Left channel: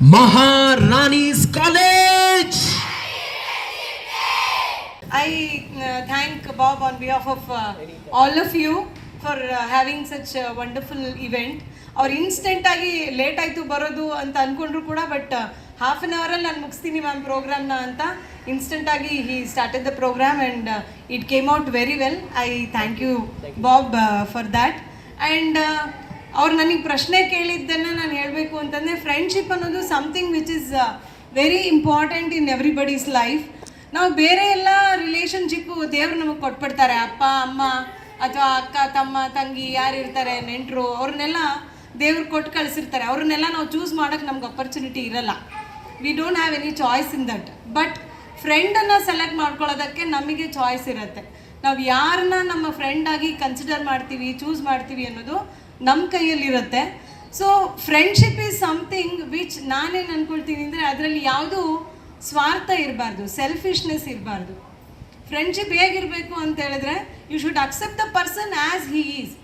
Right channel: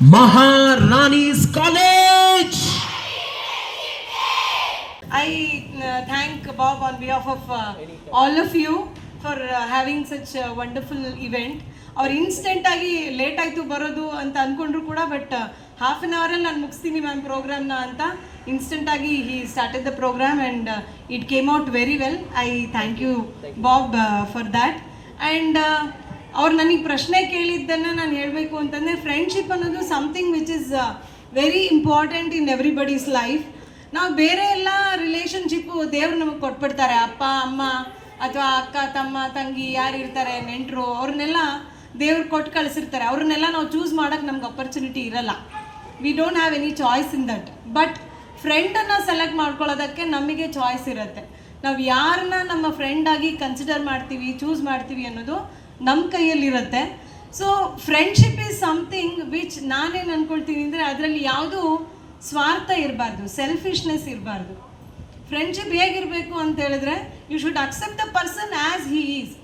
Maharani's College. I thank Bob on behalf of all of you for having such a wonderful event. ಅವ್ರು instant ಆಗಿ late ಆಯಿತು ಬರೋದು ಅಂತ ಅಂದ್ಕೊಂಡ್ರು ಕೂಡ ಬಟ್ ಹಾಫ್ ಆನ್ ಅವರಲ್ಲಿ ನಾನು ಮುಗಿಸ್ತೀನಿ ಮ್ಯಾಮ್ ಪ್ರೋಗ್ರಾಮ್ನ ಅಂತ ಇನ್ಸ್ಟೆಂಟ್ ಆಗಿ he started the program and it came out very well. I thank you Bob for that. And ಅವ್ರು ನನಗೆ ಪ್ರಶ್ನೆ ಕೇಳಿದ್ದನ್ನು ನಾನು ಹೇಳಬೇಕು ಅಂತಂದರೆ ಫ್ರೆಂಡ್ಶಿಪ್ ಅನ್ನೋದು something which is very important in everybody's life. ನಾವು ಬೇರೆ ಎಲ್ಲ ರಿಲೇಷನ್ಶಿಪ್ಪು ದೇವರು ನಮಗೆ ಕೊಟ್ಬಿಡ್ತಾರೆ, ಅಪ್ಪ ಅಮ್ಮ ಅಥವಾ ಅಕ್ಕ ತಮ್ಮ ತಂಗಿ ಯಾರು ಇರ್ತಾರೆ ನೆಂಟರು ಅವ್ರನ್ನೆಲ್ಲ ದೇವ್ರು ಕೊಟ್ಟು ಕಳಿಸಿರ್ತಾರೆ. ಅವ್ರನ್ನೆಲ್ಲ ನಾವು ಚೂಸ್ ಮಾಡೋಕ್ಕೆ ನಮ್ಗೆ ಅಪರ್ಚುನಿಟಿ ಇರಲ್ಲ. We don't have any choice in that. But ಫ್ರೆಂಡನ್ನು ಸೆಲೆಕ್ಟ್ ಮಾಡ್ಕೊಳ್ಳೋದಕ್ಕೆ ನಮಗೆ ಚಾಯ್ಸ್ ಇರುತ್ತೆ. ನಾವು ಯಾರನ್ನ ನಮ್ಮ ಫ್ರೆಂಡಾಗಿ ಕನ್ಸಿಡರ್ ಮಾಡ್ತೀವಿ, ಚೂಸ್ ಮಾಡ್ತೀವಿ ಅನ್ನೋದು ನಮ್ಮ ಕೈಯಲ್ಲಿರುತ್ತೆ. So friendship is something which ನಾನೇನು ಅಂದ್ಕೊಳ್ತೀನಿ ಅಂದರೆ ಅದರಲ್ಲಿ ಯಾವುದೂ ಸ್ವಾರ್ಥ ಇರಬಾರ್ದು, ಸೆಲ್ಫಿಶ್ನೆಸ್ ಇರಬಾರ್ದು. ಫ್ರೆಂಡ್ಶಿಪ್ ಹೇಗಿರಬೇಕು ಅಂತ ಹೇಳಿದ್ರೆ you should accept the person as he is.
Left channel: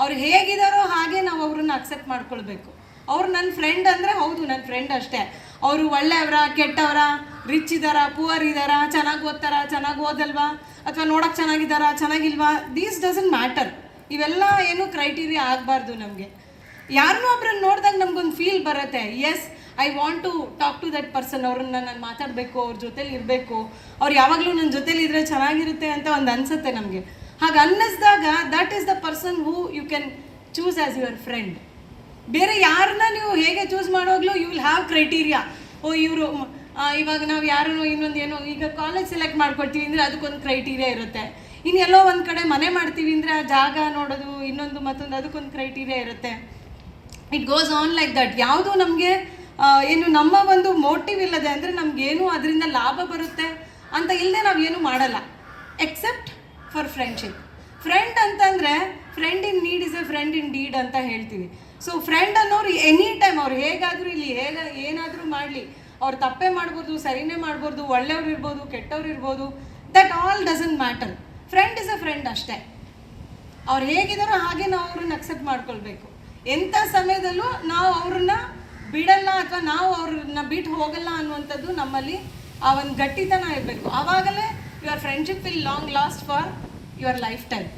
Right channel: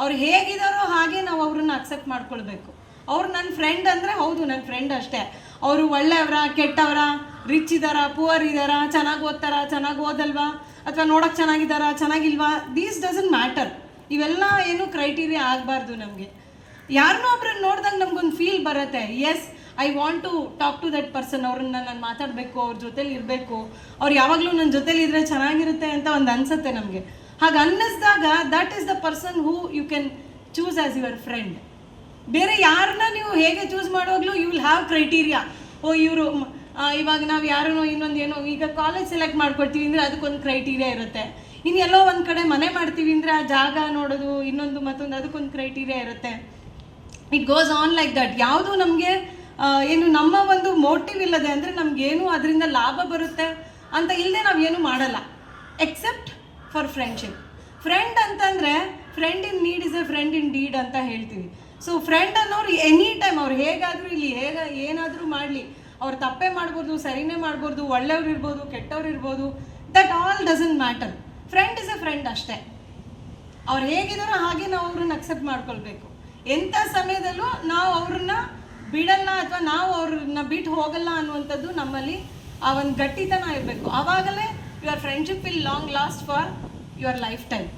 ಅವ್ರು ಹೇಗಿದ್ದಾರೋ ಹಾಗೆ ನಾವು ಅವ್ರನ್ನ ಅಕ್ಸೆಪ್ಟ್ ಮಾಡ್ಕೊಳ್ಬೇಕು. ಅವ್ರು ನನ್ನ ಫ್ರೆಂಡ್ ಅಂದರೆ ಹೌದು ನನ್ನ ಫ್ರೆಂಡ್ ಅಷ್ಟೇ. ಅವರು ಒಳ್ಳೆಯವರ ಕೆಟ್ಟವರ, ರಿಚ್ ಇದ್ದಾರಾ ಪುವರ್ ಇದ್ದಾರಾ, ಚೆನ್ನಾಗಿ ಓದ್ತಾರಾ ಚೆನ್ನಾಗಿ ಓದಲ್ವಾ, ಅಥವಾ ನೋಡೋಕ್ಕೆ ಚೆನ್ನಾಗಿದ್ದಾರಾ ಚೆನ್ನಾಗಿಲ್ವಾ, ದೀಸ್ ಡಸಂಟ್ ಮ್ಯಾಟರ್. ಇವೆಲ್ಲ ಏನು ಕ್ರೈಟೀರಿಯಾ ಆಗಬಾರ್ದು ನಮಗೆ. ಯಾರನ್ನೋ ಒಬ್ರನ್ನ ನೋಡಿದಾಗ ನಮ್ಗೊಂದು ಫೀಲ್ ಬರುತ್ತೆ, as I want to talk to that person. ಅವ್ರನ್ನ ನಾನು ಮಾತಾಡಬೇಕು, ಅವ್ರ ಜೊತೇಲಿ ಇರಬೇಕು, ಅವ್ರು ಯಾವಾಗಲೂ ನನ್ನ ಜೊತೇಲಿ ಇದ್ದರೆ ಚೆನ್ನಾಗಿರುತ್ತೆ ಅಂತ ಒಂದು ಅನಿಸುತ್ತೆ ನಮಗೆ. ಹಾಗೆ ಅನ್ನಿಸಿದಾಗ that is the person who you can choose as your friend. ಬೇರೆ ಯಾರನ್ನ ನೀವು ಹೇಗೆ ಚೂಸ್ ಮಾಡುವಾಗಲೂ ಯು ವಿಲ್ ಹ್ಯಾವ್ ಕ್ರೈಟೀರಿಯಾ. ಇವರು ಇವಾಗ ನಾವು ಯಾರೂ ಇನ್ನೊಂದು ಏನೋ ಈಗ ಕಾಲೇಜ್ ಸೆಲೆಕ್ಟ್ ಮಾಡ್ಕೊಳ್ತೀವಿ ಅಂದರೆ ಅದಕ್ಕೊಂದು ಕ್ರೈಟೀರಿಯಾ ಇರುತ್ತೆ. ಇನ್ನು ಎಲ್ಲೋ ಒಂದು ಕಡೆ ಮನೆ ಮಾಡ್ತೀವಿ ಅಂದರೆ ಆ ಜಾಗ ನೋಡೋದು ಇನ್ನೊಂದು ಮತ್ತೊಂದು ಅದಕ್ಕೊಂದು ಕ್ರೈಟೀರಿಯಾ ಇರುತ್ತೆ. It goes on like that. ಯಾವುದು ನಮಗೆ ಏನು ನಮ್ಮ ಒಂದು ಮೋಟಿವ್ ಇಲ್ಲದೆ ಅಂದರೆ ನಮಗೇನು ಅದರಿಂದ ಲಾಭ ಬರುತ್ತೆ ಅಂತ ಇಲ್ಲದೆ ನಾವು ಏನು ಮಾಡಲ್ಲ ಎಕ್ಸೆಪ್ಟ್ ಫಾರ್ ಫ್ರೆಂಡ್ಶಿಪ್. ಫ್ರೆಂಡ್ ಅಂತಂದರೆ friend in need is A friend in deed ಅಂತ ಹೇಳ್ತೀವಿ. ಸೊ ಫ್ರೆಂಡ್ ಅನ್ನೋರು ಎನಿ ಟೈಮ್ ಅವ್ರು ಹೇಗಾದರೂ ಇಲ್ಲಿ ಏನಾದರೂ ಮಾಡಲಿ, ಅವ್ರು ತಪ್ಪೇ ಮಾಡ್ಬೋದು, ಸರಿನೇ ಮಾಡ್ಬೋದು, ಒಳ್ಳೆಯವ್ರು ಇರ್ಬೋದು, ಕೆಟ್ಟವ್ರು ಇರ್ಬೋದು, that all doesn't matter. Friend is A friend ಅಷ್ಟೇ. ಅವ್ರು ಹೇಗಿದ್ದಾರೋ ಹಾಗೆ ನಾವು ಅವ್ರನ್ನ ಅಕ್ಸೆಪ್ಟ್ ಮಾಡ್ಕೊಳ್ಬೇಕು. ಎಂಥ ಸಮಯದಲ್ಲೂ ನಾವು ಅವ್ರನ್ನ ಬಿಡಲ್ಲ ಅಥವಾ ನಾವು ಅವ್ರನ್ನ ಬಿಟ್ಟು ಹೋಗಲ್ಲ ಅನ್ನುವಂಥದ್ದು ನಮ್ಮಲ್ಲಿ ಆ ಒಂದು ಗಟ್ಟಿತನ ಇರಬೇಕು. ಆವಾಗಲೇ your friendship will long last for your life time.